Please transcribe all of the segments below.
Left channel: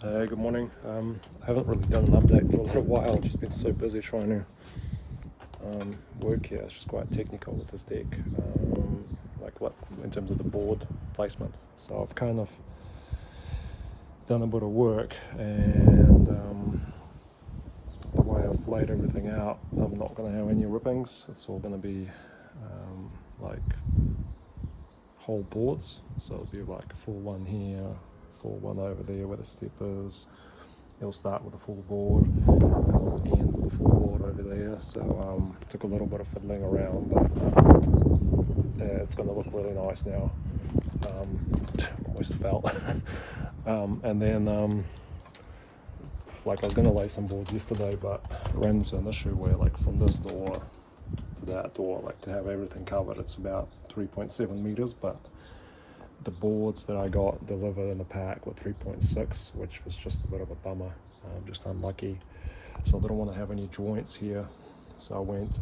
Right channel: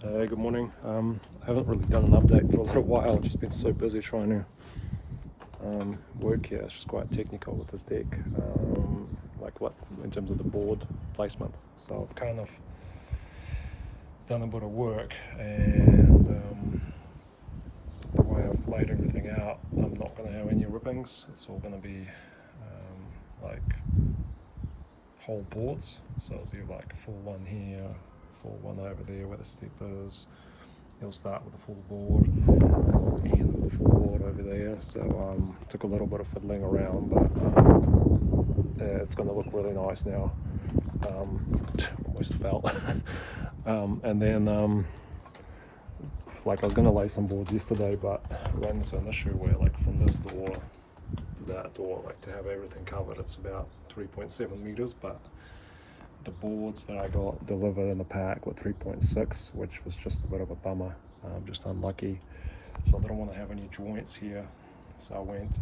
Good morning. I haven't really done an update for a little while. I've just been so busy trying to work here. It's just quite technical with this deck, like in terms of the board placement. So I've kind of done a bit of work, and the way I've laid everything out, I'm not going to have any rippings. It's all going to be like whole boards. So it'll be like a full one here, full one over there where the step is. He'll start with a full board and end with a full board over there. So took a little bit of fiddling around, but it's going to look really nice now. Almost fell. And then like I was going to lay some boards yesterday, but ran into an issue where like from this door to that door, like to have everything covered, it's about 3.7 meters, but the boards that I got delivered in the pack were 3.6, which was just a bit of a bummer, just unlucky. So I didn't want to have any joints here, so I went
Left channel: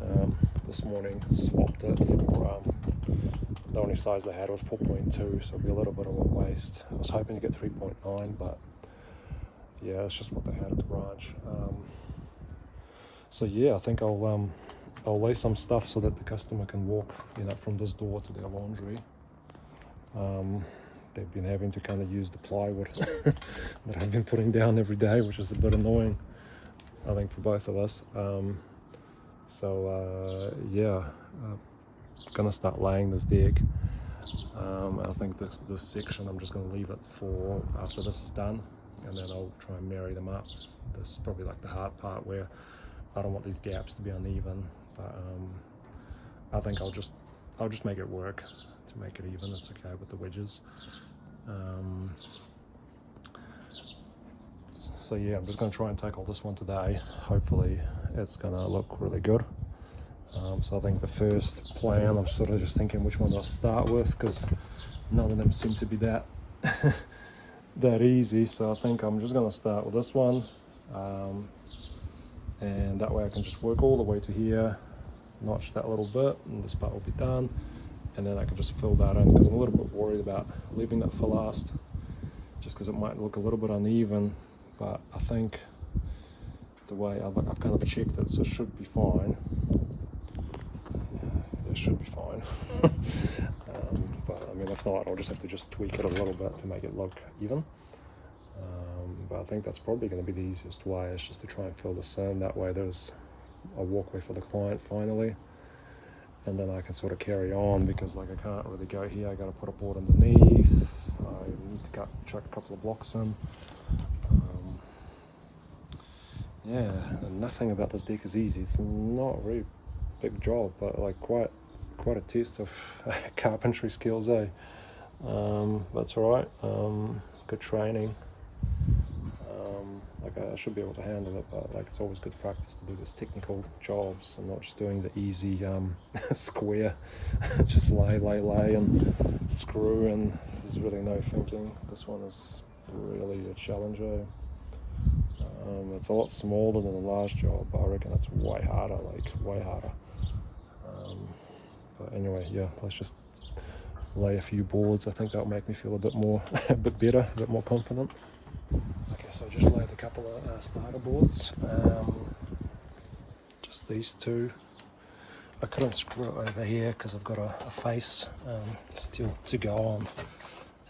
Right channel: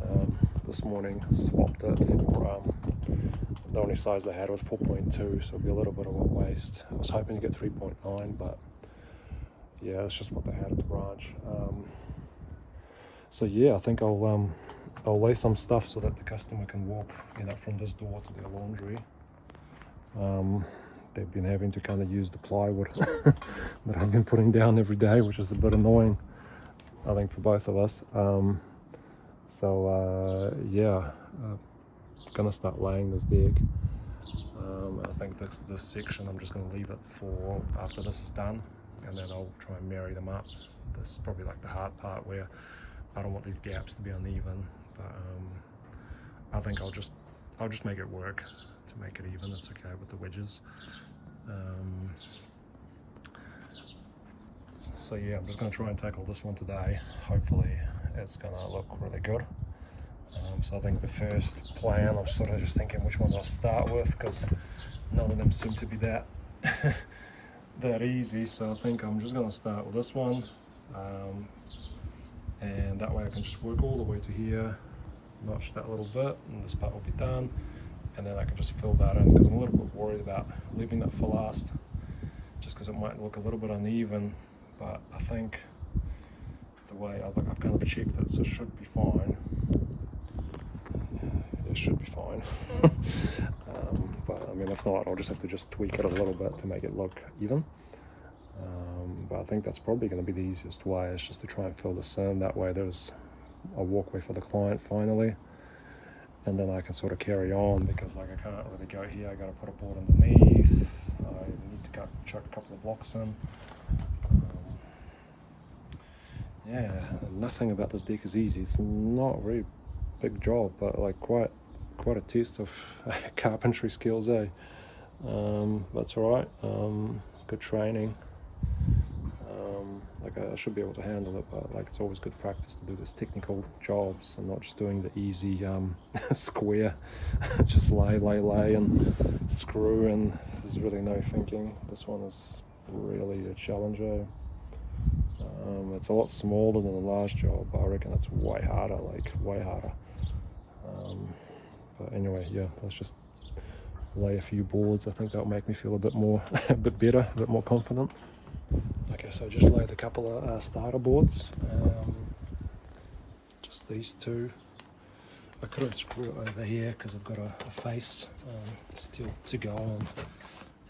this morning, swapped it for the only size they had was 4.2, so it'll be a little bit of a waste. I was hoping to get 3.9, but yeah, it's just what they had at the branch. So yeah, I think I'll lay some stuff so that the customer can walk, from this door to their laundry. They've been having to kind of use the plywood that I've been putting down every day, which is a bit annoying, I think, for both of us. Gonna start laying this deck. I think this section I'm just gonna leave it for after this is done, and then I'll try and marry them up. This is probably like the hard part where I don't want these gaps to be uneven, but I think I'll just make it work to make it even. It's okay with the wedges. So yeah, I'm just going to try and tackle this one today. Hopefully it's going to look really good. So I think the first plan, I'm sort of just thinking which one I'll start with, because none of them seem to be that that easy. So I think I'm just going to start with this one, and that way I can just work all the way to here, notch that little bit, and this part will be done. And then I can just fill that in, because I'm a little bit worried about leaving it for last, just because it might look a little bit uneven. But I think the way I've kind of checked it, so it should be fine. It should be fine. But I mean, if not, I'll just have to tweak it a little bit to make it look even. But I think that's probably going to be the easiest way, is just to try and fill this in. That way there's a walkway for the client finally. And then I can sort of carry on, because like I can't really go here. I got to put a board underneath. I need to chuck a couple of blocks in. Yeah, nothing about this deck is easy. It's not a very big job, but like quite a test of carpentry skills, eh? That's all right. Good training. I should be able to handle it, but like it's always good practice to do this technical jobs and not just doing the easy square, just lay and screw, and there's really no thinking. This one is really a challenger. It's a lot smaller than the last job, but I reckon it's way harder, way harder. But anyway, yeah, let's just lay a few boards. I think that'll make me feel a bit better, a bit more confident. Okay, so I just laid a couple of starter boards, just these two. I couldn't screw it over here because I've got a face still to go on,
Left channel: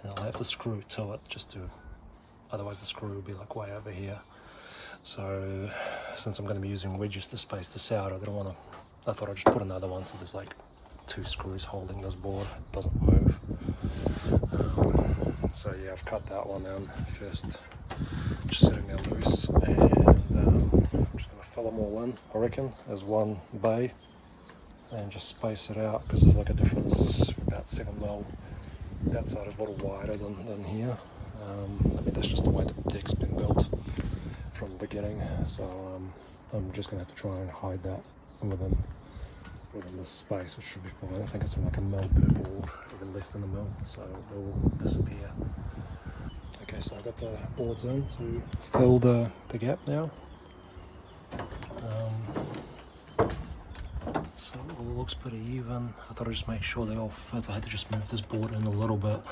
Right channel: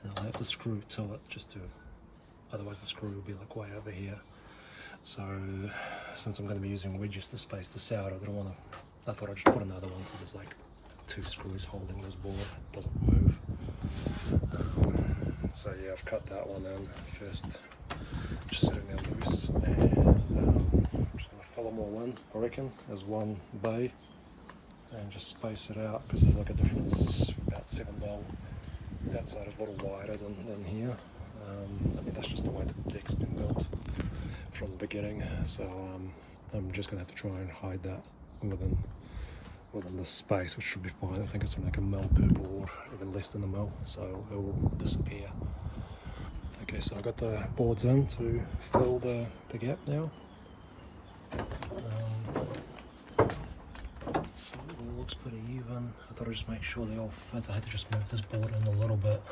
and I'll have to screw to it otherwise the screw will be like way over here. So since I'm going to be using wedges to space this out, I thought I'd just put another one so there's like 2 screws holding this board, it doesn't move. So yeah, I've cut that one in first, just sitting there loose, and I'm just going to fill them all in, I reckon, as one bay, and just space it out, because there's like a difference, about 7 mil. That side is a little wider than here. I mean, that's just the way the deck's been built from the beginning, so I'm just going to have to try and hide that within this space, which should be fine. I think it's like a mil per board, even less than a mil, so it will disappear. Okay, so I got the boards in to fill the gap now. So it all looks pretty even. I thought I'd just make sure they all fit. I had to just move this board in a little bit.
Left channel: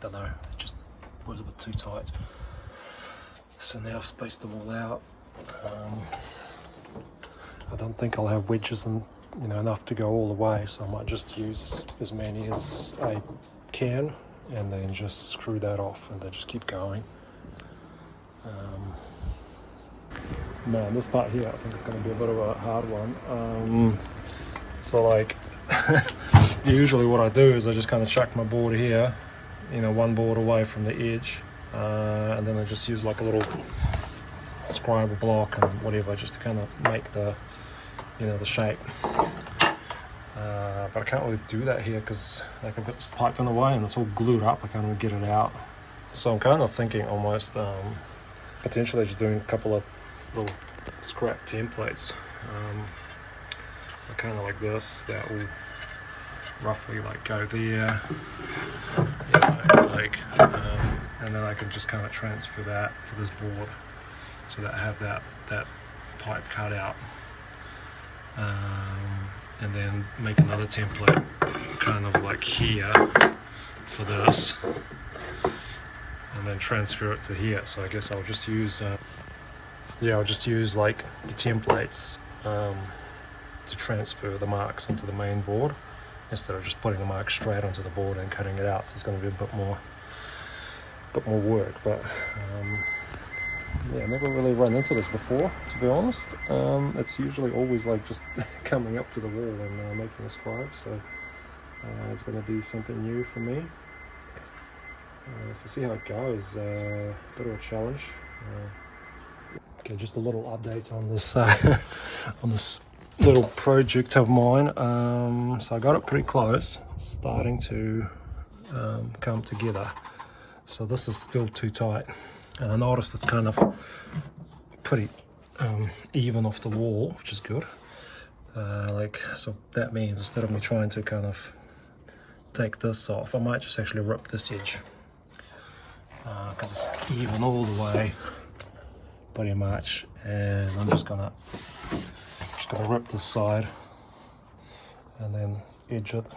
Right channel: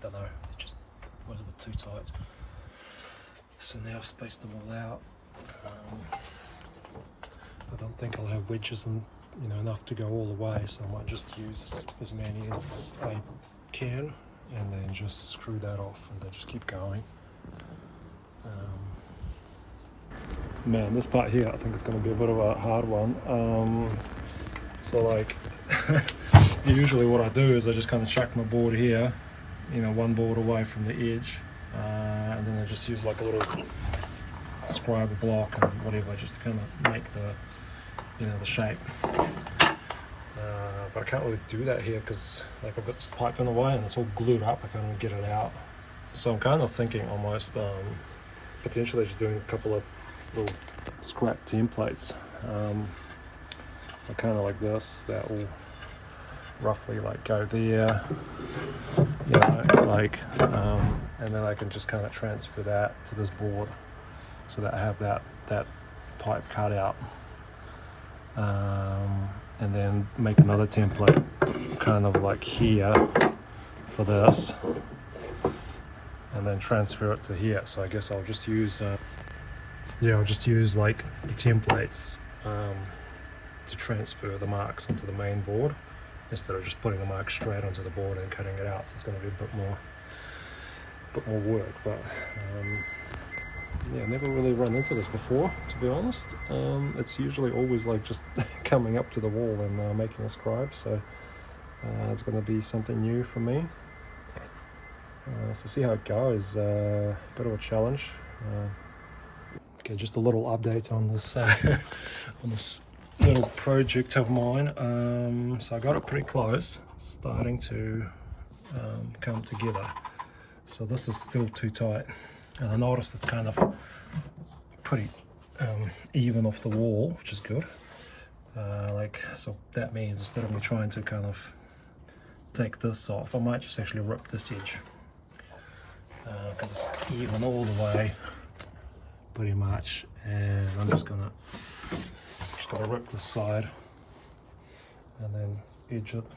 Don't know, it just was a bit too tight. So now I've spaced them all out. I don't think I'll have wedges and enough to go all the way, so I might just use as many as I can and then just screw that off and then just keep going. Man, this part here I think it's going to be a bit of a hard one. So like usually what I do is I just kind of chuck my board here, one board away from the edge, and then I just use like a little scriber block and whatever just to kind of make the the shape. But I can't really do that here because like I've got this pipe in the way and it's all glued up. I can't even get it out. So I'm kind of thinking almost potentially just doing a couple of little scrap templates. Kind of like this, that will roughly like go there, and then I can just kind of transfer that to this board so that I have that pipe cut out, and then make another template kind of like here for this, and then transfer it to here. So I guess I'll just use I'll just use like the templates to transfer the marks onto the main board instead of just putting the marks straight onto the board and cutting it out. So it's going to be a bit more work, but yeah, never really run into this before, to be honest. It's usually always like just coming up to the wall and making a scribe, so it's going to be something new for me. So see how it goes. Bit of a challenge. Okay, just a little update on this on this little project of mine. So I got it pretty close, starting to come together. So this is still too tight, and I noticed it's kind of pretty even off the wall, which is good. So that means instead of me trying to kind of take this off, I might just actually rip this edge because it's even all the way pretty much, and I'm just gonna rip this side and then edge it,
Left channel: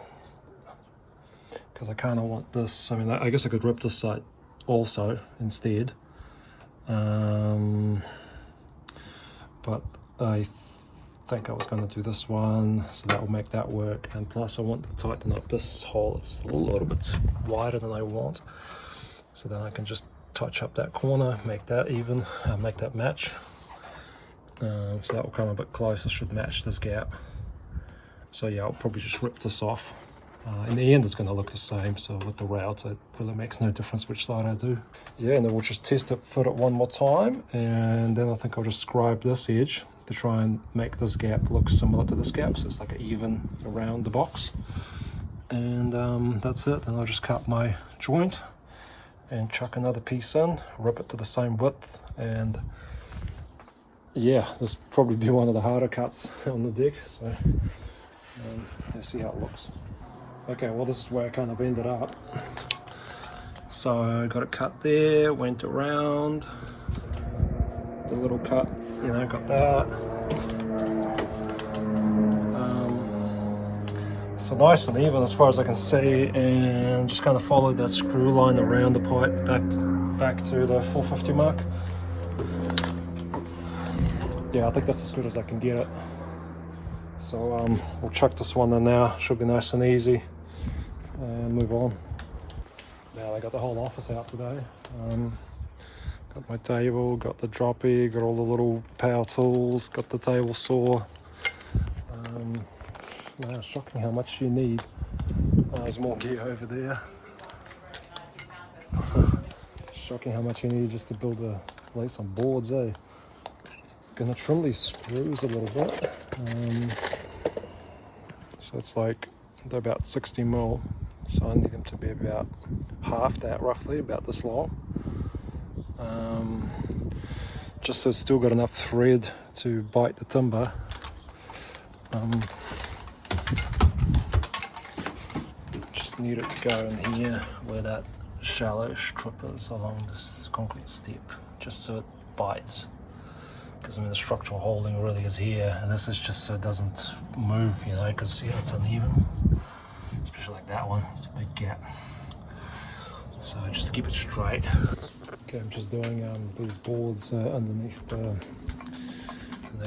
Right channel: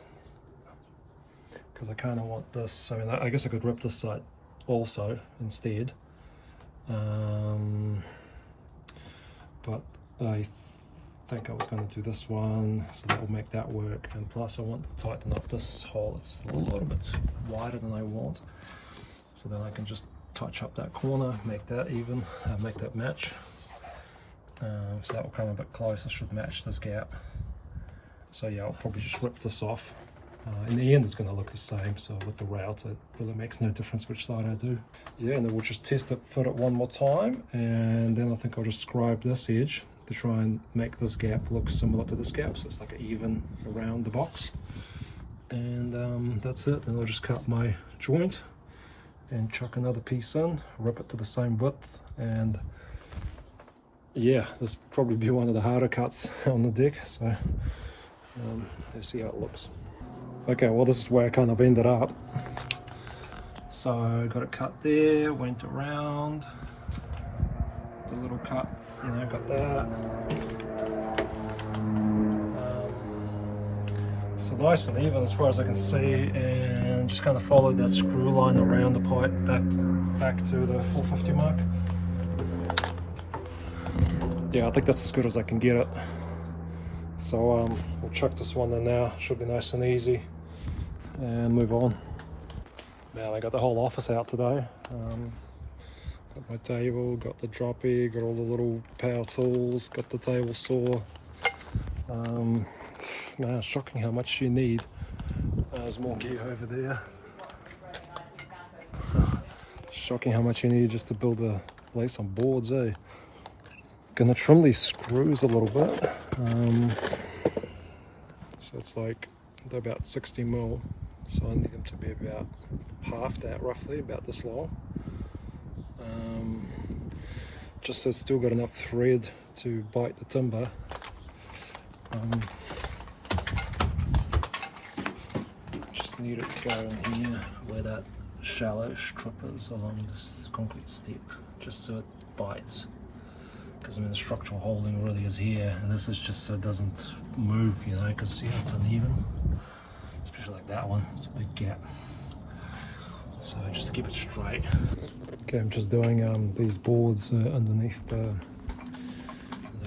because I kind of want this. I mean, I guess I could rip this side also instead, but I think I was going to do this one, so that will make that work. And plus I want to tighten up this hole. It's a little bit wider than I want, so then I can just touch up that corner, make that even, make that match. So that will come a bit closer, should match this gap. So yeah, I'll probably just rip this off. In the end it's going to look the same, so with the route it really makes no difference which side I do. Yeah, and then we'll just test it, fit it one more time, and then I think I'll just scribe this edge to try and make this gap look similar to this gap, so it's like an even around the box. And that's it. Then I'll just cut my joint and chuck another piece in, rip it to the same width, and yeah, this will probably be one of the harder cuts on the deck, so let's see how it looks. Okay, well this is where I kind of ended up. So I got it cut there, went around, the little cut, got that. So nice and even as far as I can see, and just kind of followed that screw line around the pipe back to the 450 mark. Yeah, I think that's as good as I can get it. So we'll chuck this one in now, should be nice and easy, and move on. Now I got the whole office out today. Got my table, got the droppy, got all the little power tools, got the table saw. Man, it's shocking how much you need. There's more gear over there. Shocking how much you need just to lay some boards, eh? Gonna trim these screws a little bit. So it's like they're about 60 mil, so I need them to be about half that, roughly about this long. Just so it's still got enough thread to bite the timber. Just need it to go in here where that shallow strip is along this concrete step, just so it bites. Because I mean the structural holding really is here, and this is just so it doesn't move, because see it's uneven, especially like that one. It's a big gap, so just to keep it straight. Okay, I'm just doing these boards underneath the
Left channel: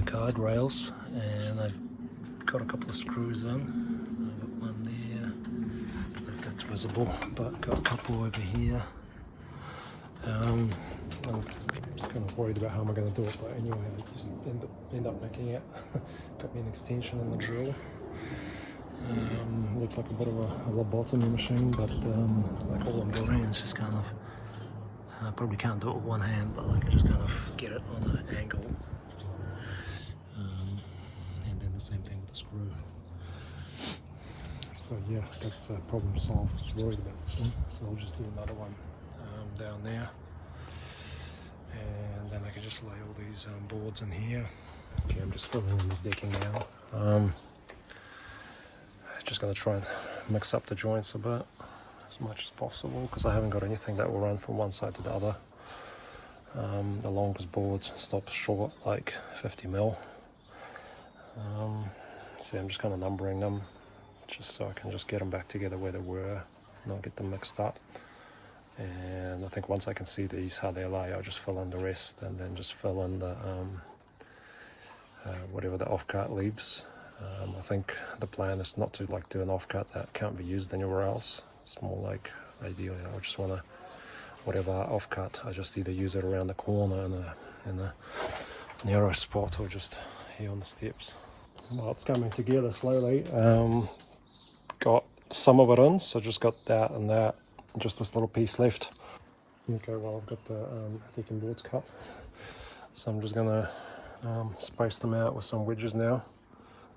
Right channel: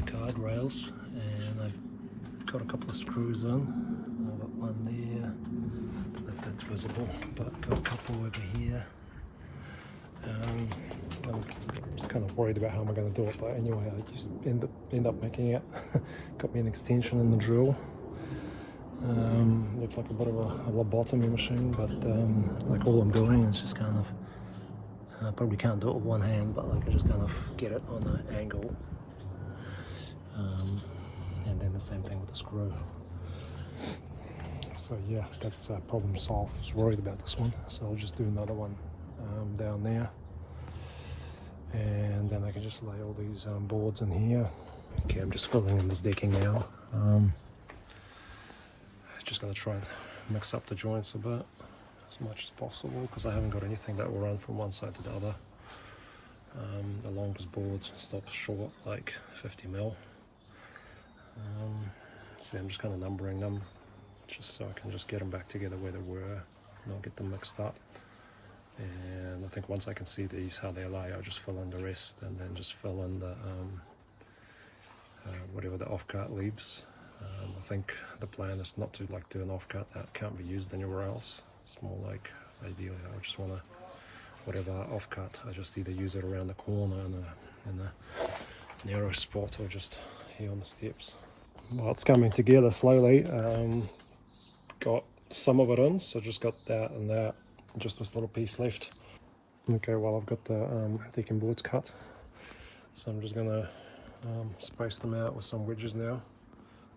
guardrails, and I've got a couple of screws in. I've got one there, I don't know if that's visible, but got a couple over here. I'm just kind of worried about how I'm going to do it, but anyway, I just end up making it. Got me an extension in the drill. Looks like a bit of a lobotomy machine, but like all I'm doing is just kind of, I probably can't do it with one hand, but like I just kind of get it on an angle. And then the same thing with the screw. So yeah, that's problem solved. I was worried about this one, so I'll just do another one down there. And then I can just lay all these boards in here. Okay, I'm just filling in this decking now. Just going to try and mix up the joints a bit as much as possible, because I haven't got anything that will run from one side to the other. The longest board stops short like 50 mil. So I'm just kind of numbering them just so I can just get them back together where they were, not get them mixed up. And I think once I can see these how they lay, I'll just fill in the rest, and then just fill in the whatever the off-cut leaves. I think the plan is not to like do an off-cut that can't be used anywhere else. It's more like ideally I just want to, whatever off-cut, I just either use it around the corner in a narrow spot, or just here on the steps. Well, it's coming together slowly. Got some of it in, so just got that and that, just this little piece left. Okay, well I've got the decking boards cut, so I'm just gonna space them out with some wedges now.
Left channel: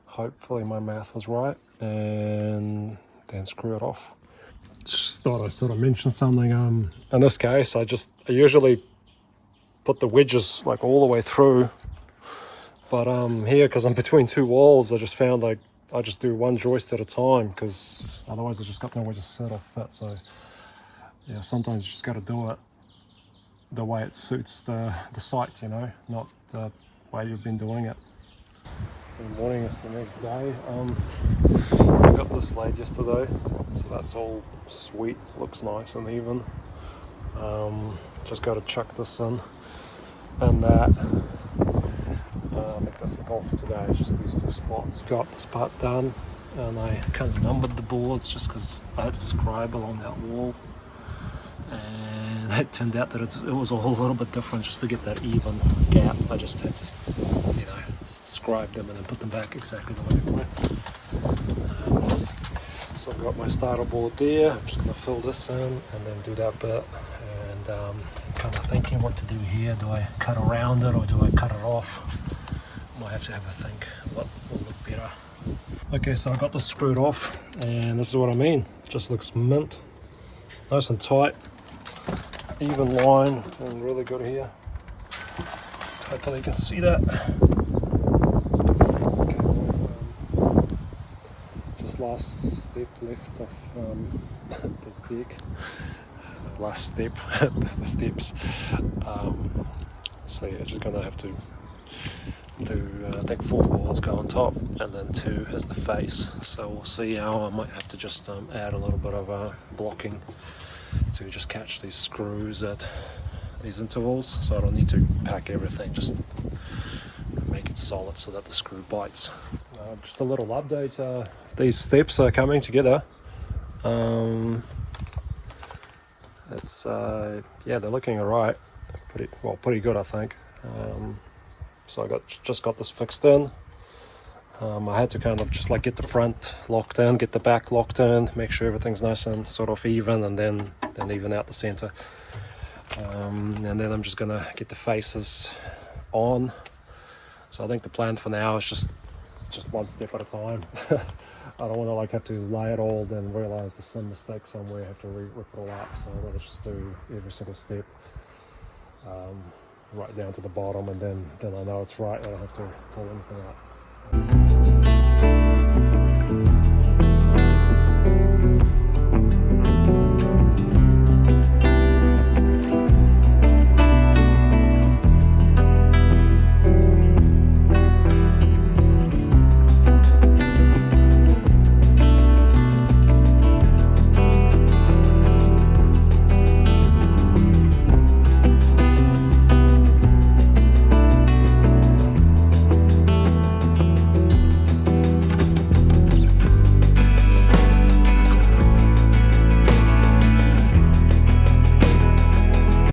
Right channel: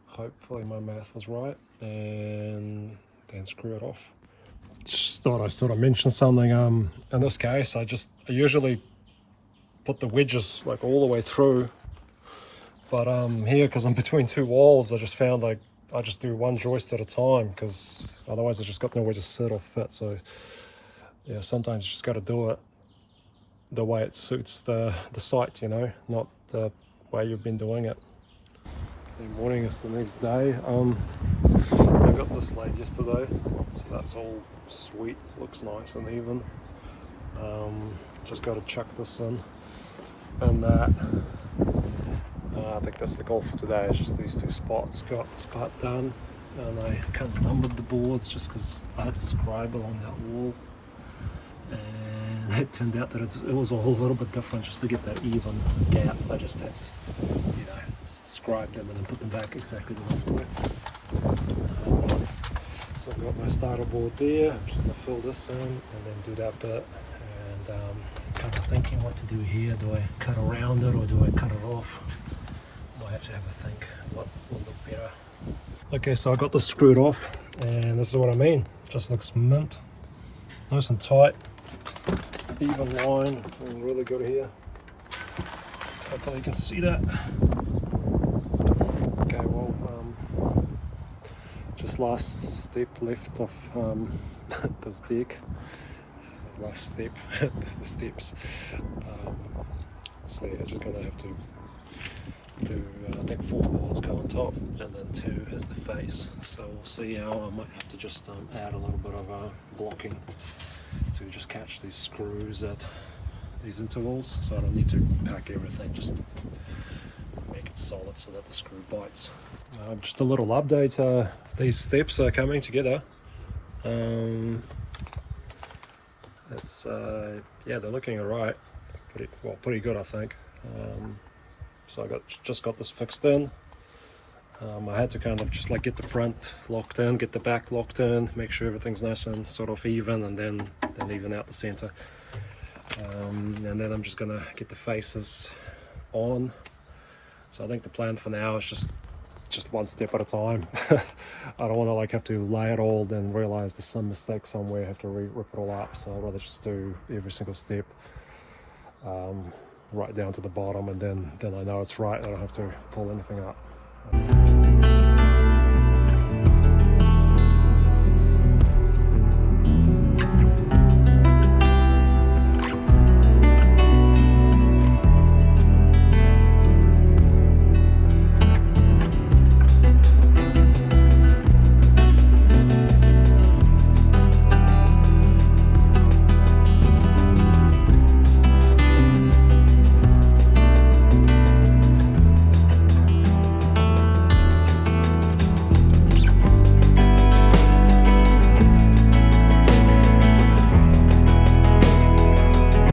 Hopefully my math was right, and then screw it off. Just thought I sort of mentioned something. In this case, I usually put the wedges like all the way through, but here, because I'm between two walls, I just found like I just do one joist at a time, because otherwise I just got nowhere to sit or fit. So yeah, sometimes you just got to do it the way it suits the site, you know, not the way you've been doing it. Good morning, it's the next day. I got this laid yesterday, so that's all sweet, looks nice and even. Just got to chuck this in, and that. I think that's the goal for today, is just these two spots. Got this part done, and I kind of numbered the boards just because I had to scribe along that wall, and it turned out that it was a whole little bit different just to get that even gap. I just had to, you know, scribe them and then put them back exactly the way they were. So I've got my starter board there. I'm just going to fill this in and then do that bit, and kind of thinking what to do here. Do I cut around it or do I cut it off? Might have to have a think what will look better. Okay, so I got this screwed off, and this is what I mean. It just looks mint, nice and tight, even line, and really good here. Hopefully you can see that. Okay, well, just last step left of this deck. Last step, the steps. So yeah, just gonna have to do I think 4 boards go on top, and then 2 as the face. So we'll see how I might have to just add a little bit of blocking to just catch these screws at these intervals, so I don't need to pack everything, just make it solid so that the screw bites. Just a little update, these steps are coming together. It's yeah, they're looking alright, pretty good I think. So I just got this fixed in. I had to kind of just like get the front locked in, get the back locked in, make sure everything's nice and sort of even, and then even out the center. And then I'm just gonna get the faces on. So I think the plan for now is just one step at a time. I don't want to like have to lay it all, then realize there's some mistake somewhere, have to rip it all up. So I'd rather just do every single step right down to the bottom, and then I know it's right. I don't have to pull anything up.